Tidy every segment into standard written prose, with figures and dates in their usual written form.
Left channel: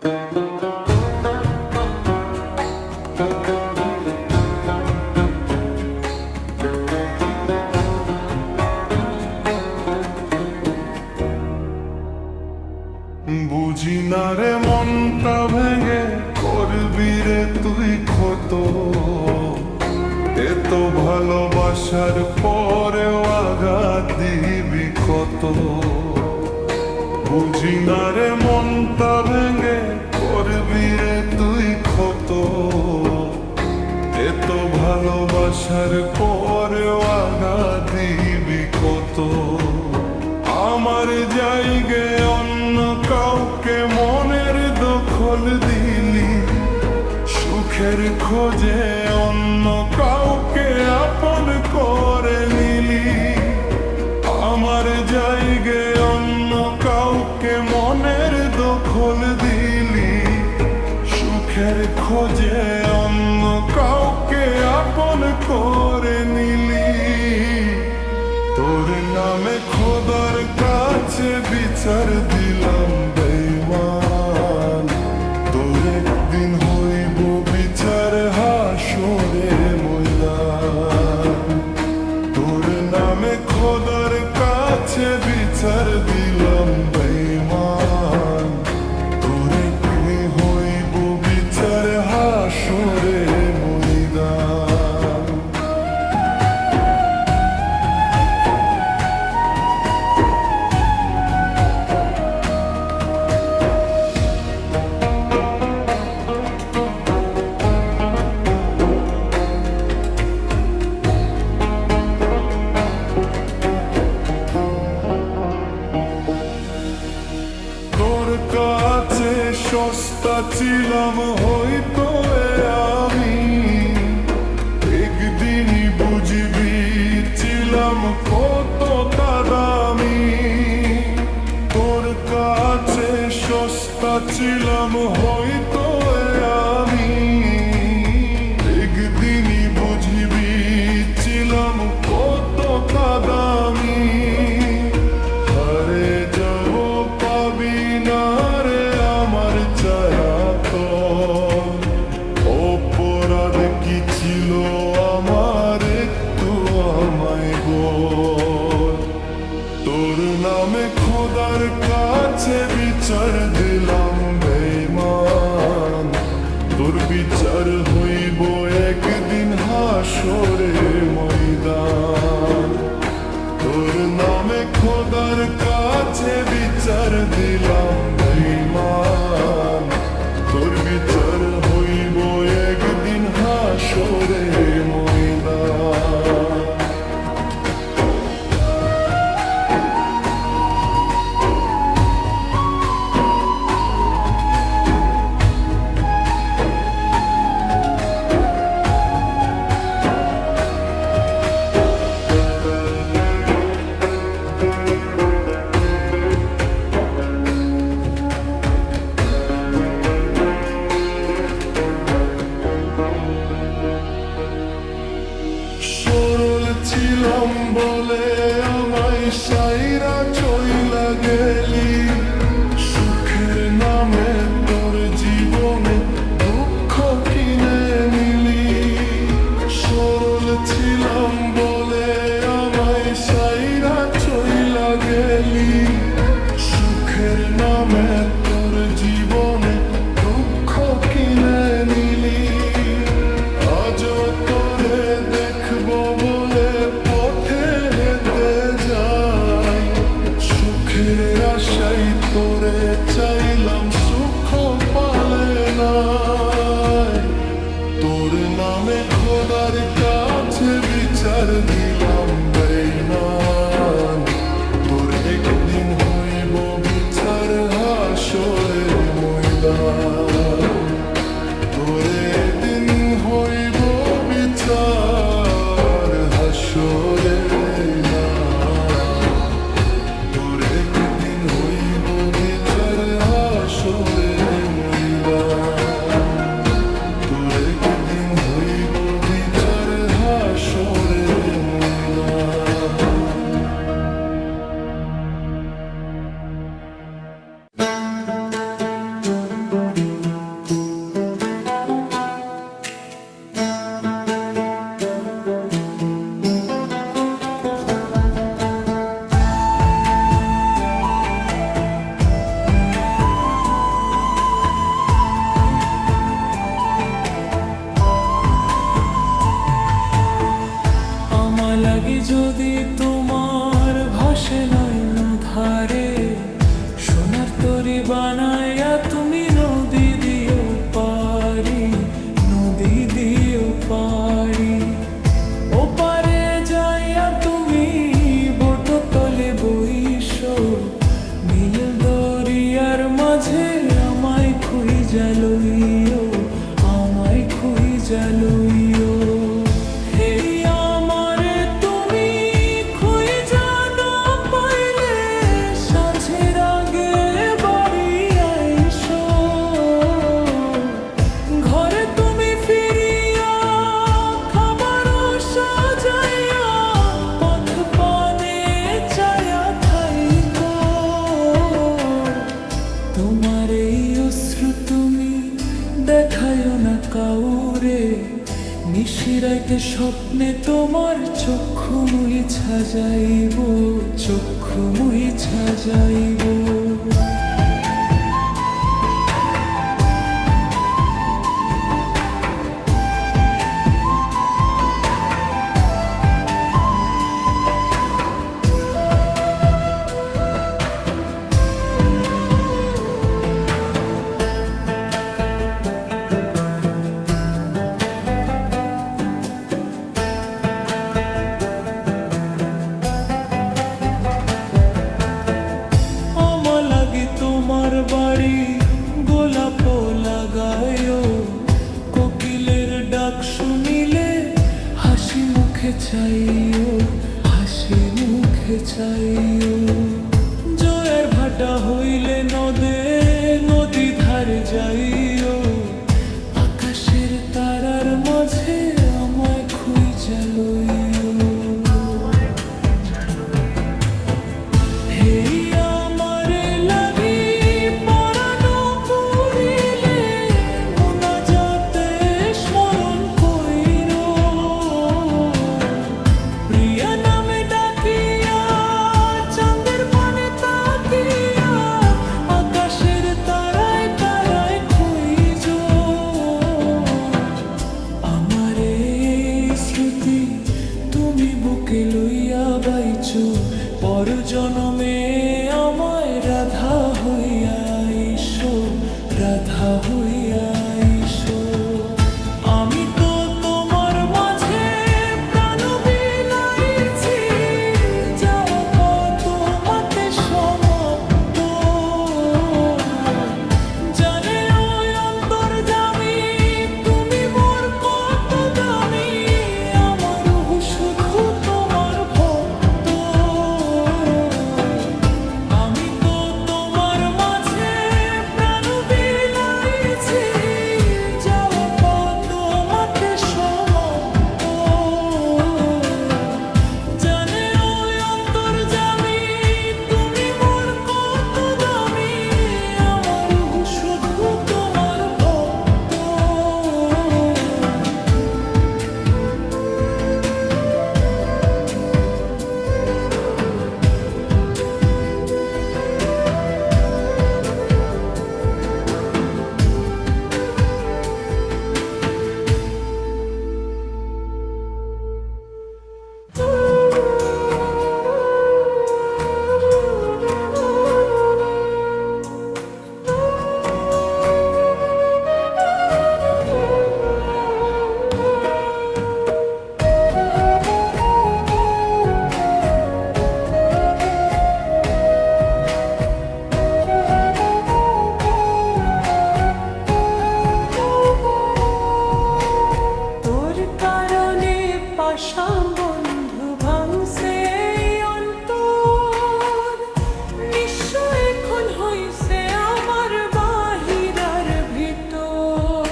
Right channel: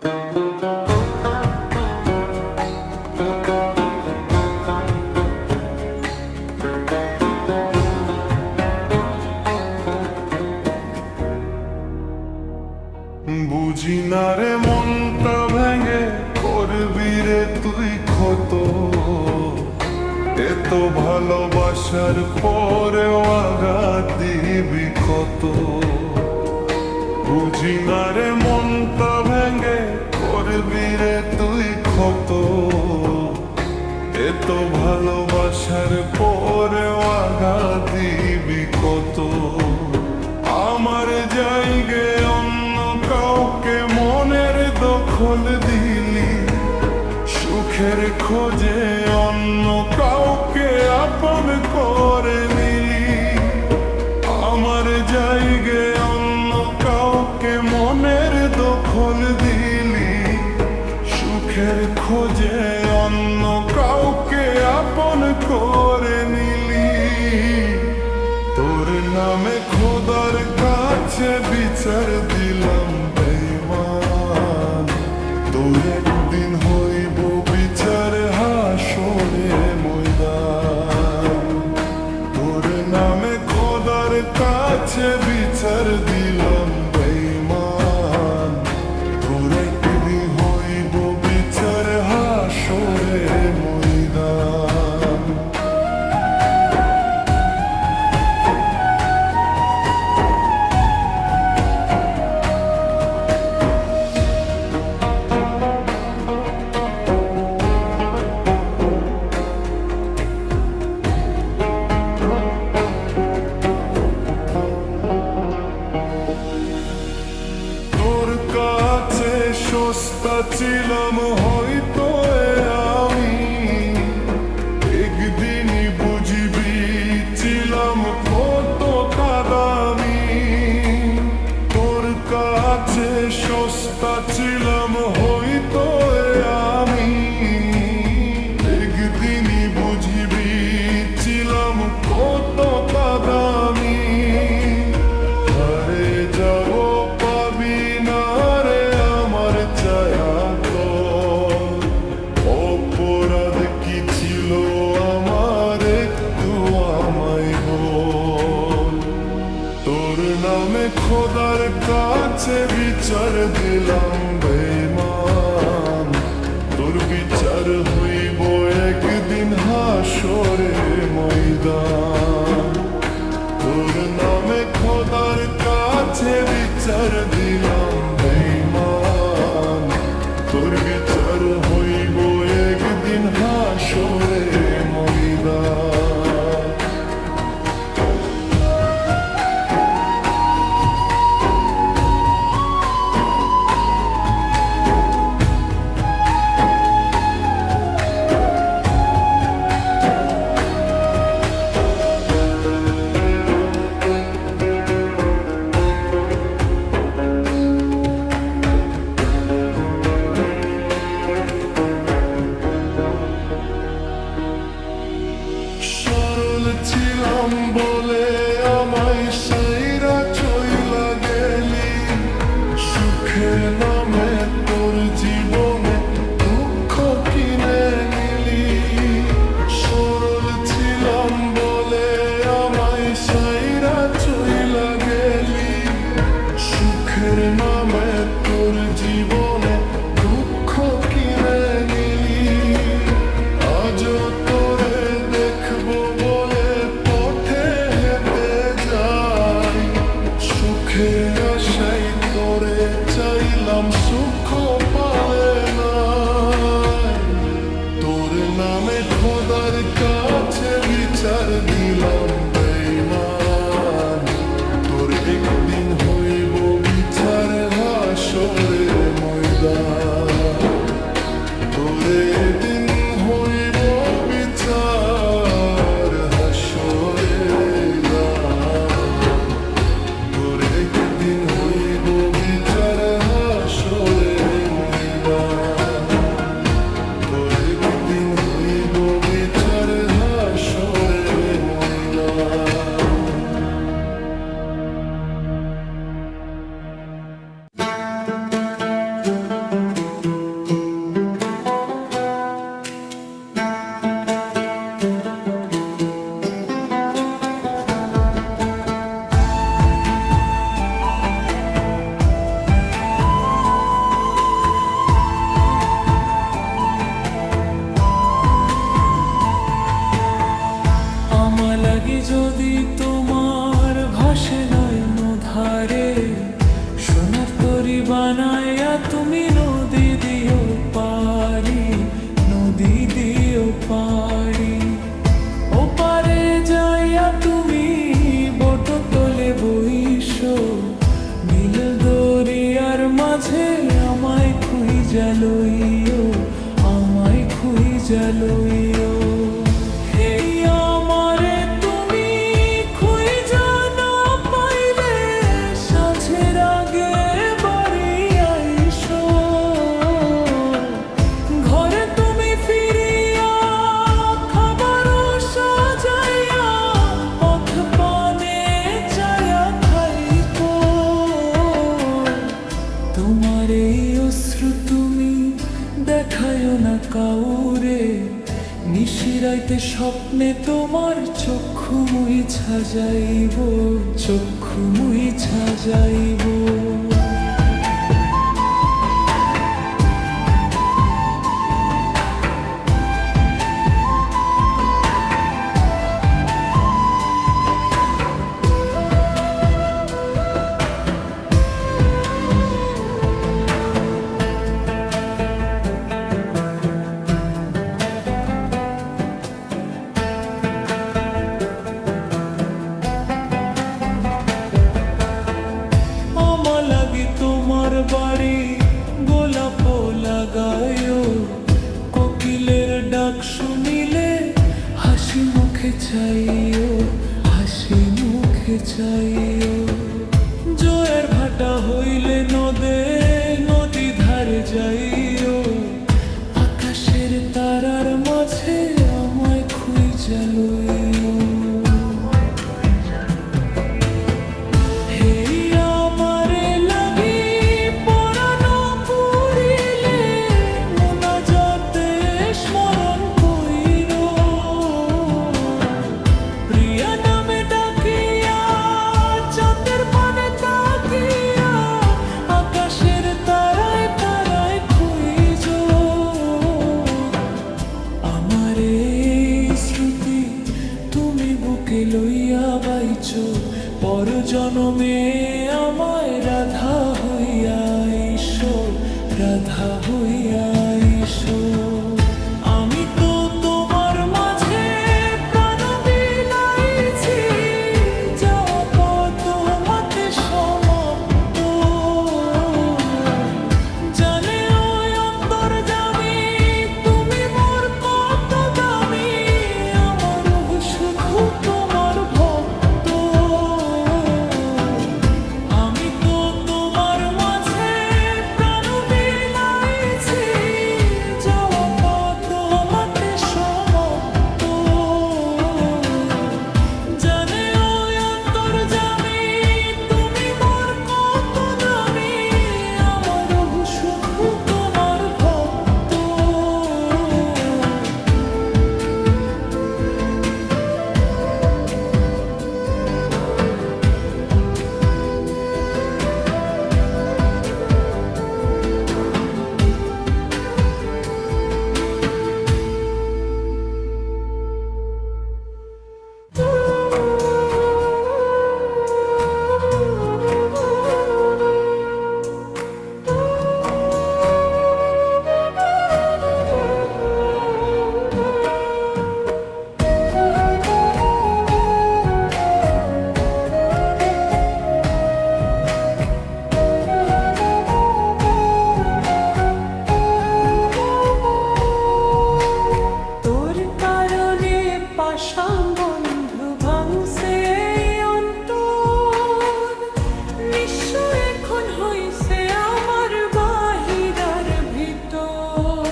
বুঝি না রে মনটা ভেঙে করবি রে তুই ক্ষত, এত ভালোবাসার পরেও আঘাত দিবি কত। বুঝি না রে মনটা ভেঙে করবি রে তুই ক্ষত, এত ভালোবাসার পরেও আঘাত দিবি কত। আমার জায়গায় অন্য কাউকে মনের দখল দিলি, সুখের খোঁজে অন্য কাউকে আপন করে নিলি। আমার জায়গায় অন্য কাউকে মনের দখল দিলি, সুখের খোঁজে অন্য কাউকে আপন করে নিলি। তোর নামে খোদার কাছে বিচার দিলাম বেঈমান, তোর একদিন হইব বিচার হাসরে ময়দান। তোর নামে খোদার কাছে বিচার দিলাম বেঈমান, তোর একদিন হইব বিচার হাসরে ময়দান। কাছে সস্তা ছিলাম হয়তো আমি, একদিনই বুঝবি ছিলাম কতটা দামি। তোর কাছে সস্তা ছিলাম হয়তো আমি, একদিনই বুঝবি ছিলাম কতটা দামি। হারে যাব পাবি না রে আমার ছায়াতল, অপরাধ কি ছিল আমার একটু আমায় বল। তোর নামে খোদার কাছে বিচার দিলাম বেঈমান, তোর বিচার হইব একদিন হাসরে ময়দান। তোর নামে খোদার কাছে বিচার দিলাম বেঈমান, তোর বিচার হইব একদিন হাসরে ময়দান। ছিলাম বলে আমায় সাইরা চইলা গেলি, সুখের নামে তোর জীবনে দুঃখ কিনে নিলি। সরল ছিলাম বলে আমায় সাইরা চইলা গেলি, সুখের নামে তোর জীবনে দুঃখ কিনে নিলি। আজও তোরে দেখবো বলে পথে হেঁটে যাই, সুখের আশাই তোরে চাইলাম সুখ পালে নাই। তোর নামে খোদার কাছে বিচার দিলাম বেঈমান, তোর একদিন হইব বিচার হাসরের ময়দান। তোর একদিন হইব বিচার হাসরের ময়দান, তোর একদিন হইব বিচার হাসরের ময়দান, তোর একদিন হইব বিচার হাসরের ময়দান। যদি তোমার ভাসে নয়ন ধারে, সোনার তরি বানায়া তুমি নদী দিও পারি, নদী দিও পারি। ওপারে যাইয়া তুমি বোট তলে বইসো, নীল দরিয়ার মাঝে আমায় খুঁইজা লইও, আমায় খুঁইজা লইও। হে আমারে তুমি খুঁইজা না পাইলে, সাঁঝের আগে বাড়ি আইসো। ঘরে তুমি ফিরিয়া খাবারও সাজাইয়া, পথ পানে চায়া থাইকো। তোমার এই অশ্রু তুমি দেখায়ও না কাউরে, নিশিরাইতে স্বপ্নে তোমার চক্ষু মুইছা যাইব, চক্ষু মুইছা যাইব। তোমার বাড়ি গোলাপ লাগায়ও, কোকিলের ডাক শুনিলে হাসি মুখে চাইও, হাসি মুখে চাইও। জয়ের ভাটা হইলে নদে নদী ধারে যাইও, আকাশের তারার মাঝে আমায় খুঁইজা লইও। তুমি বুকে লইয়া বাইছো, পর জনমে আমায় রাধা হইয়া আইসো, রাধা হইয়া আইসো। আমি তো তোমার মাঝে প্রাণ বিলাইছি, যাওয়া পথ তোমাতে সমাপ্ত। জানে ওই অন্তর্যামী তুমি মোর কত দামি, শুধু তোমার ভক্ত। আমি তো তোমার মাঝে প্রাণ বিলাইছি, যাওয়া পথ তোমাতে সমাপ্ত। জানে ওই অন্তর্যামী তুমি মোর কত দামি, আমার শুধু তোমার ভক্ত। পাশাম বন্ধু ভাঙছে অন্তর, নিশ্চয় এখন হইছে আমার বাহিরার ভিতর।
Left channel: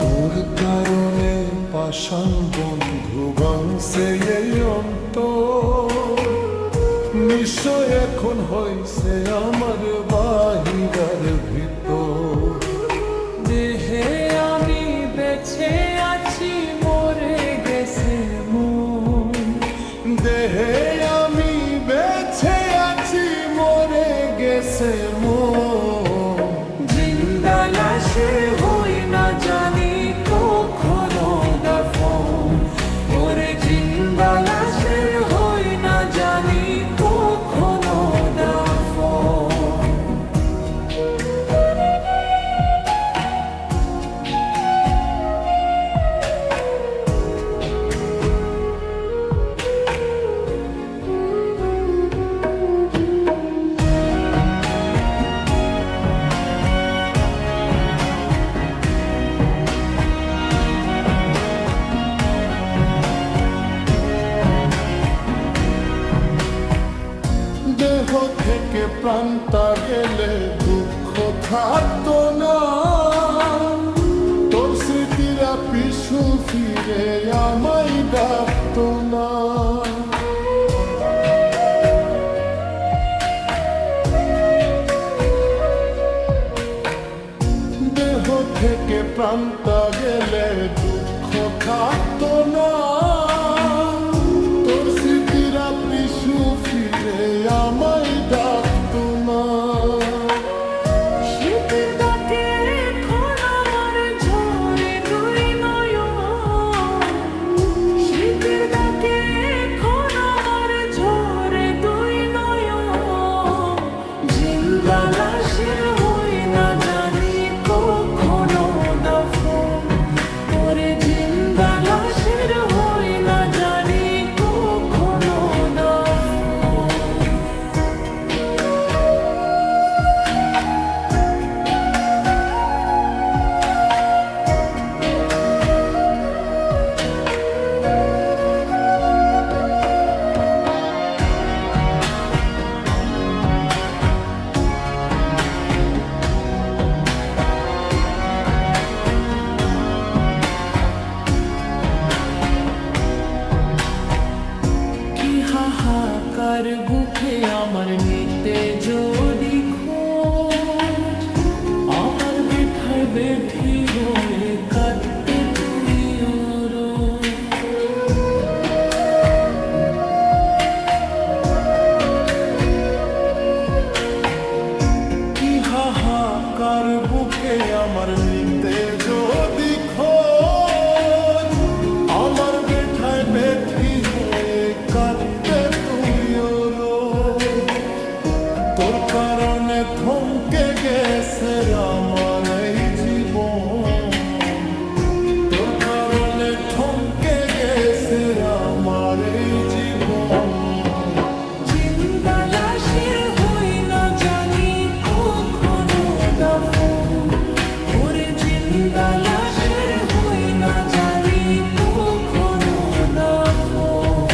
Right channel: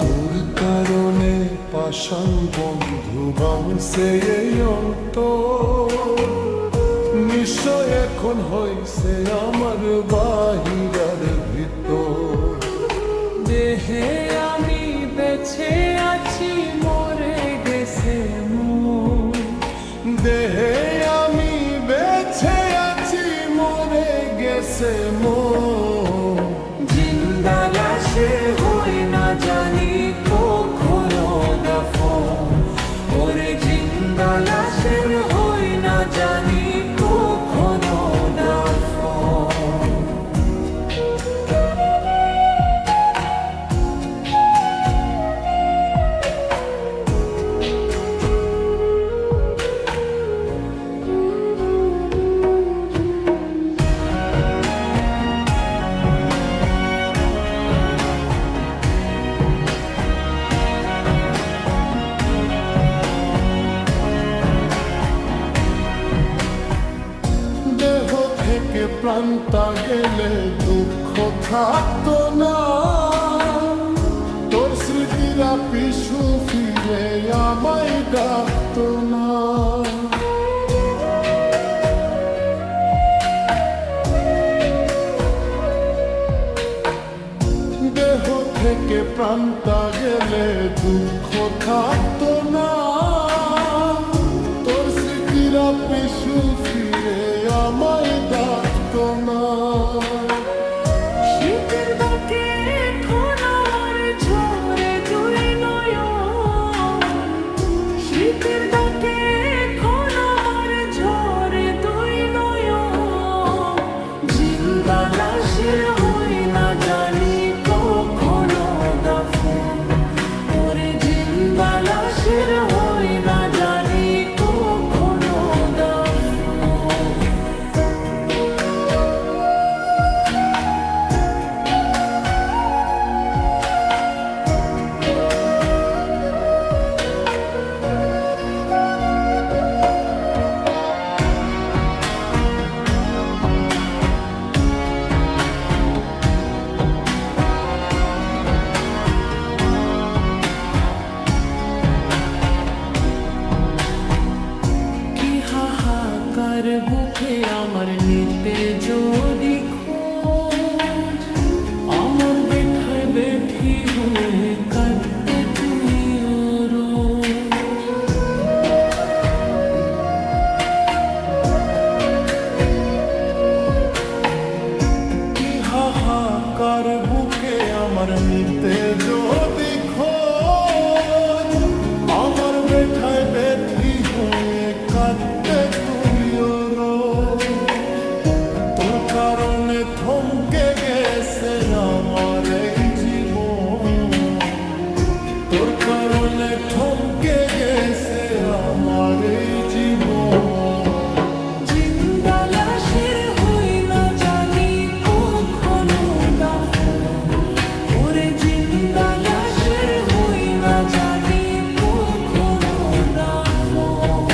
তোর কারণে পাষাণ বন্ধু ভাঙছে এই অন্তর, নিশ্চয় এখন হইছে আমার বাহিরার ভিতর। দেহে আমি বেঁচে আছি, মরে গেছে মন। দেহে আমি বেঁচে আছি, মরে গেছে মন। জিন্দা লাশে জানি কখনো দাফন, ওরে জিন্দা লাশের হই না জানি কখনো দাফন। দেহ থেকে প্রাণটা গেলে দুঃখ থাকতো না, তোর স্মৃতিরা পিছু ফিরে আমায় ডাকতো না। দেহ থেকে প্রাণটা গেলে দুঃখ থাকতো না, তোর স্মৃতিরা পিছু ফিরে আমায় ডাকতো না। শীতের ডাকে এখন আমার ঝরে দুই নয়ন, শীতের ডাকে এখন আমার ঝরে দুই নয়ন, জিন্দা লাশের হই না জানি কখনো দাফন, ওরে জিন্দা লাশের হই না জানি কখনো দাফন। কি হাহাকার বুকে আমার নিতে যদি খোঁজ, আমার বেঠায় বেঠি হয়ে কাটতে তুই ওরো। কি হাহাকার বুকে আমার নিতে যদি খোঁজ, আমার বেঠায় বেঠি হয়ে কাঁদতে তুইও রোজ। তোর কারণে থমকে গেছে আমার এই জীবন, তোর কারণে থমকে গেছে আমার এই জীবন। জিন্দা লাশের হই না জানি কখনো দাফন, ওরে জিন্দা লাশের হই না জানি কখনো দাফন।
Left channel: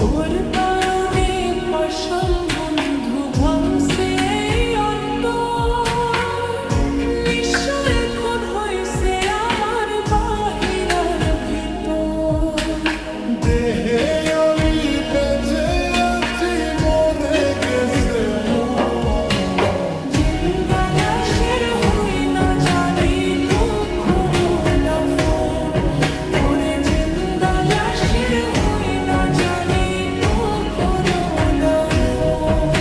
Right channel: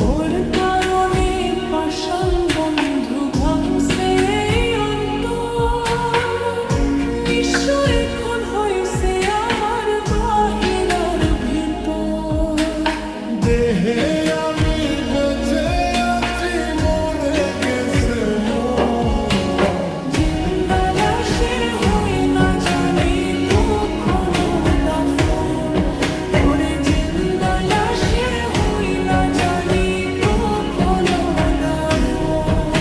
তোর কারণে পাষাণ বন্ধু ভাঙছে এই অন্তর, নিশ্চয় এখন হইছে আমার বাহিরার ভিতর। দেহে আমি বেঁচে আছি মরে গেছে মন, জিন্দা লাশের হই না জানি কখনো দাফন, ওরে জিন্দা লাশের হই না জানি কখনো দাফন।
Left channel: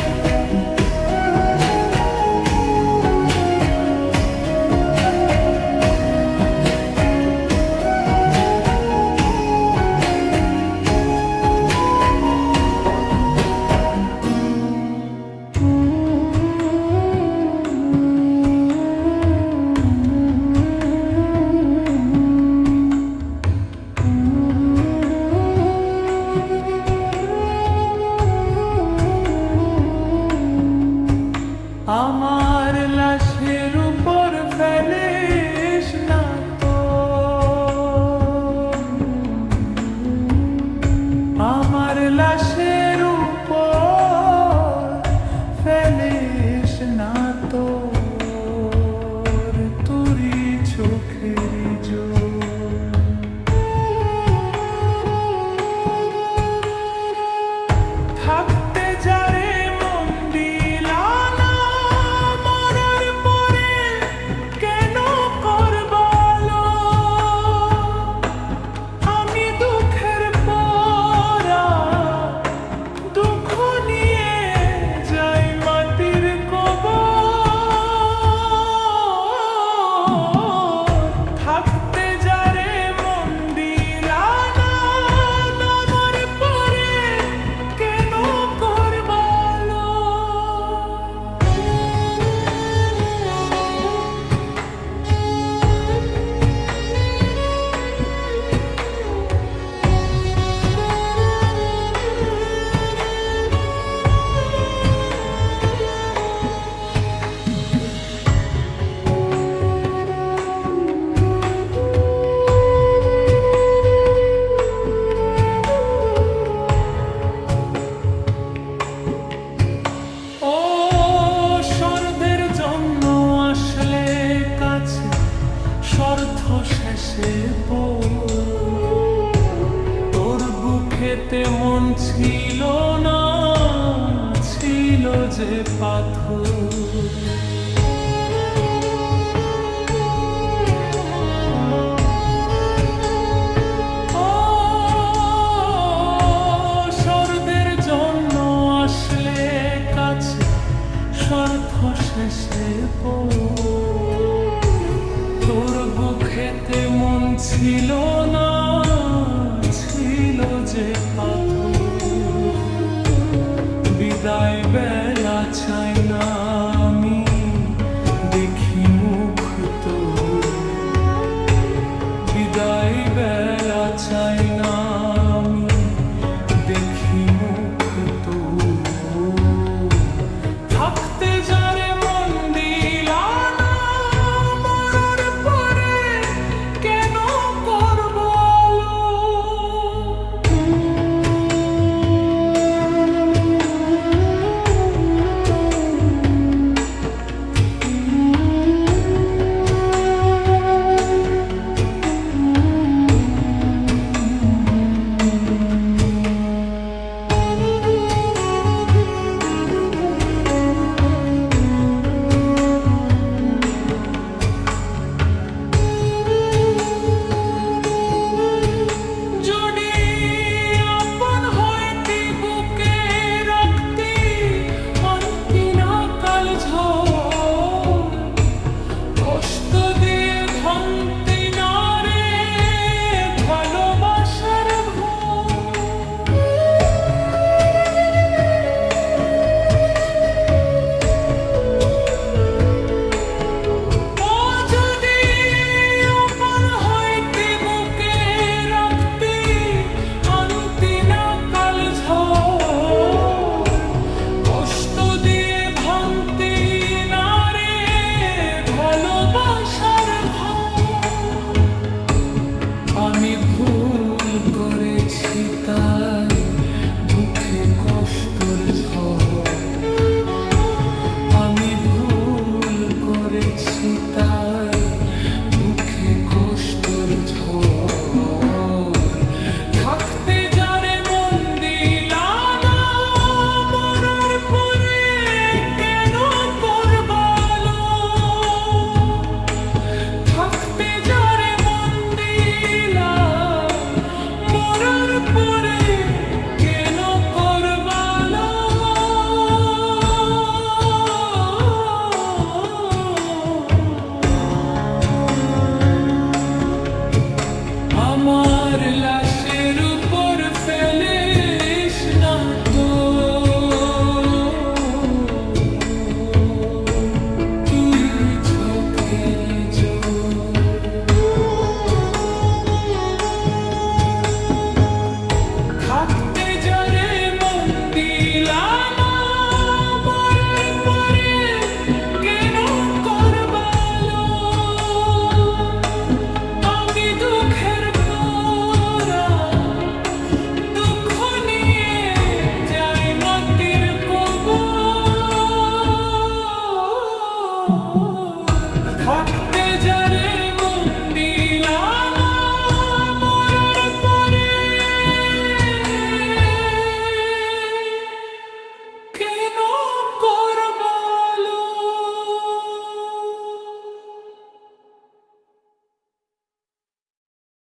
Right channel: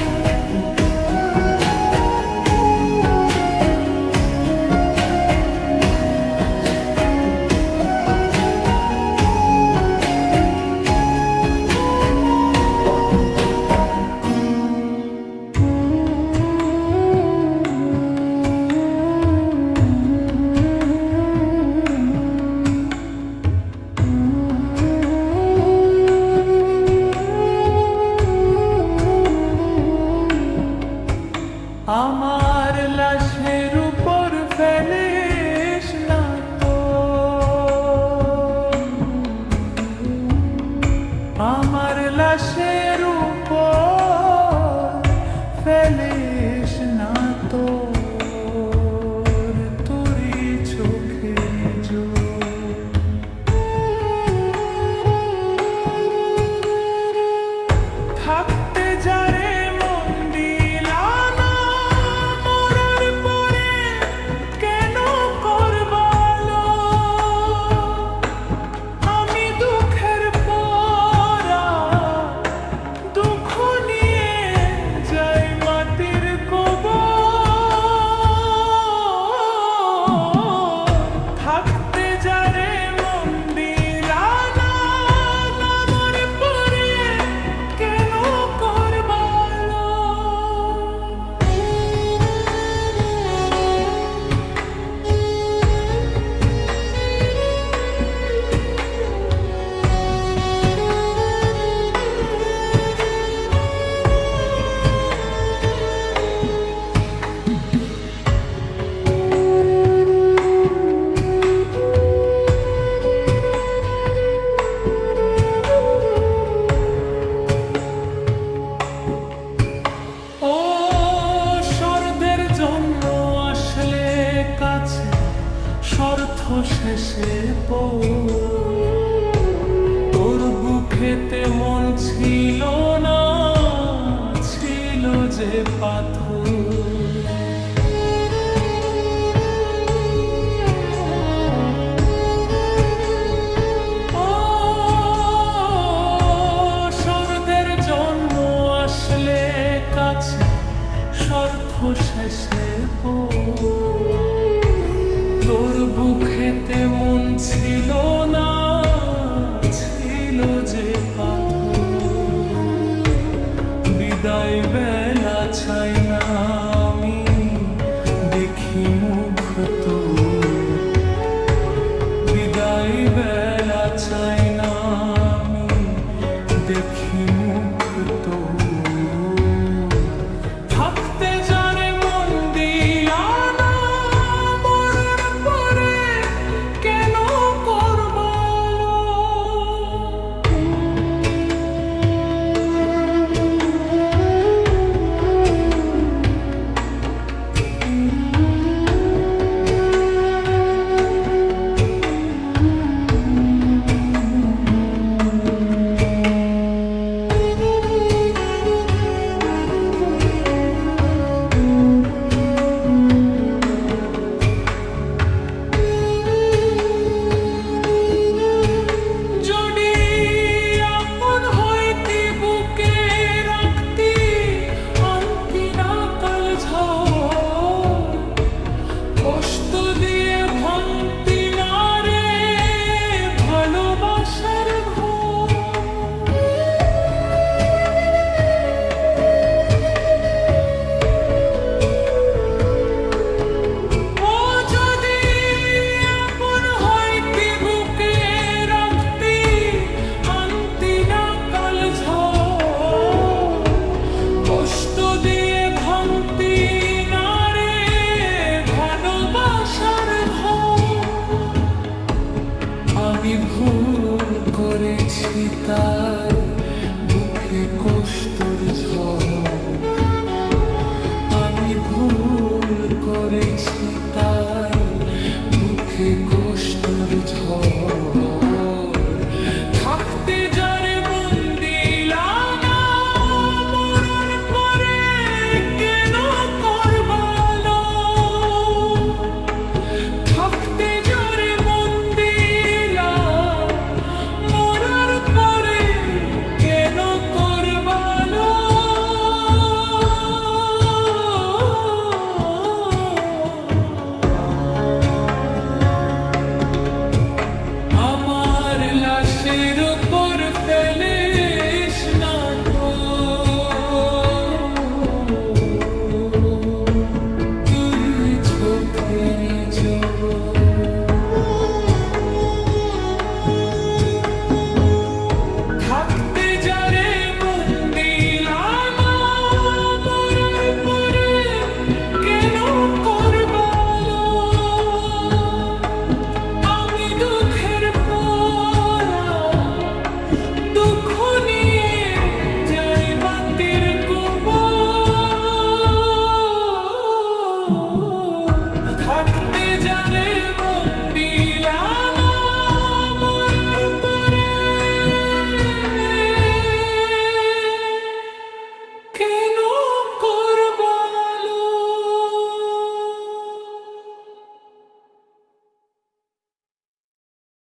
আমার লাশের উপর ফেলিস না তো, আমার লাশের উপর ফেলিস না তো, তোরই চোখের জল। থাকতে যারে মন দিলা না, মরার পরে কেন করবালো, আমি দুঃখের পরা দুঃখ নিয়ে যাই মাটির কবর। স্বার্থ শেষে তোর বুকেতে মন ছিল না, ছিল যে পাথর। স্বর্গের জন্য আসলে কাছে স্বার্থ শেষে তোর বুকেতে মন ছিল না, ছিল যে পাথর। বিদায় বেলা চাই না আমি দেখি মুখ তোর, বিদায় বেলা চাই না আমি দেখি মুখ তোর। থাকতে যারে মন দিলা না, মরার পরে কেন করব আলো? কষ্ট দিয়ে ভাঙতি না রে ভালোবাসার ও যদি আপন হইতি বুকে রাখতি, আনতি না কাল ঝড়। কষ্ট দিয়ে ভাঙতি না রে ভালোবাসার ঘর। আমি ভুল করেছি তাই বুকে কষ্টর ঝড়। আমি ভুল করেছি তাই বুকে কষ্টর ঝড়।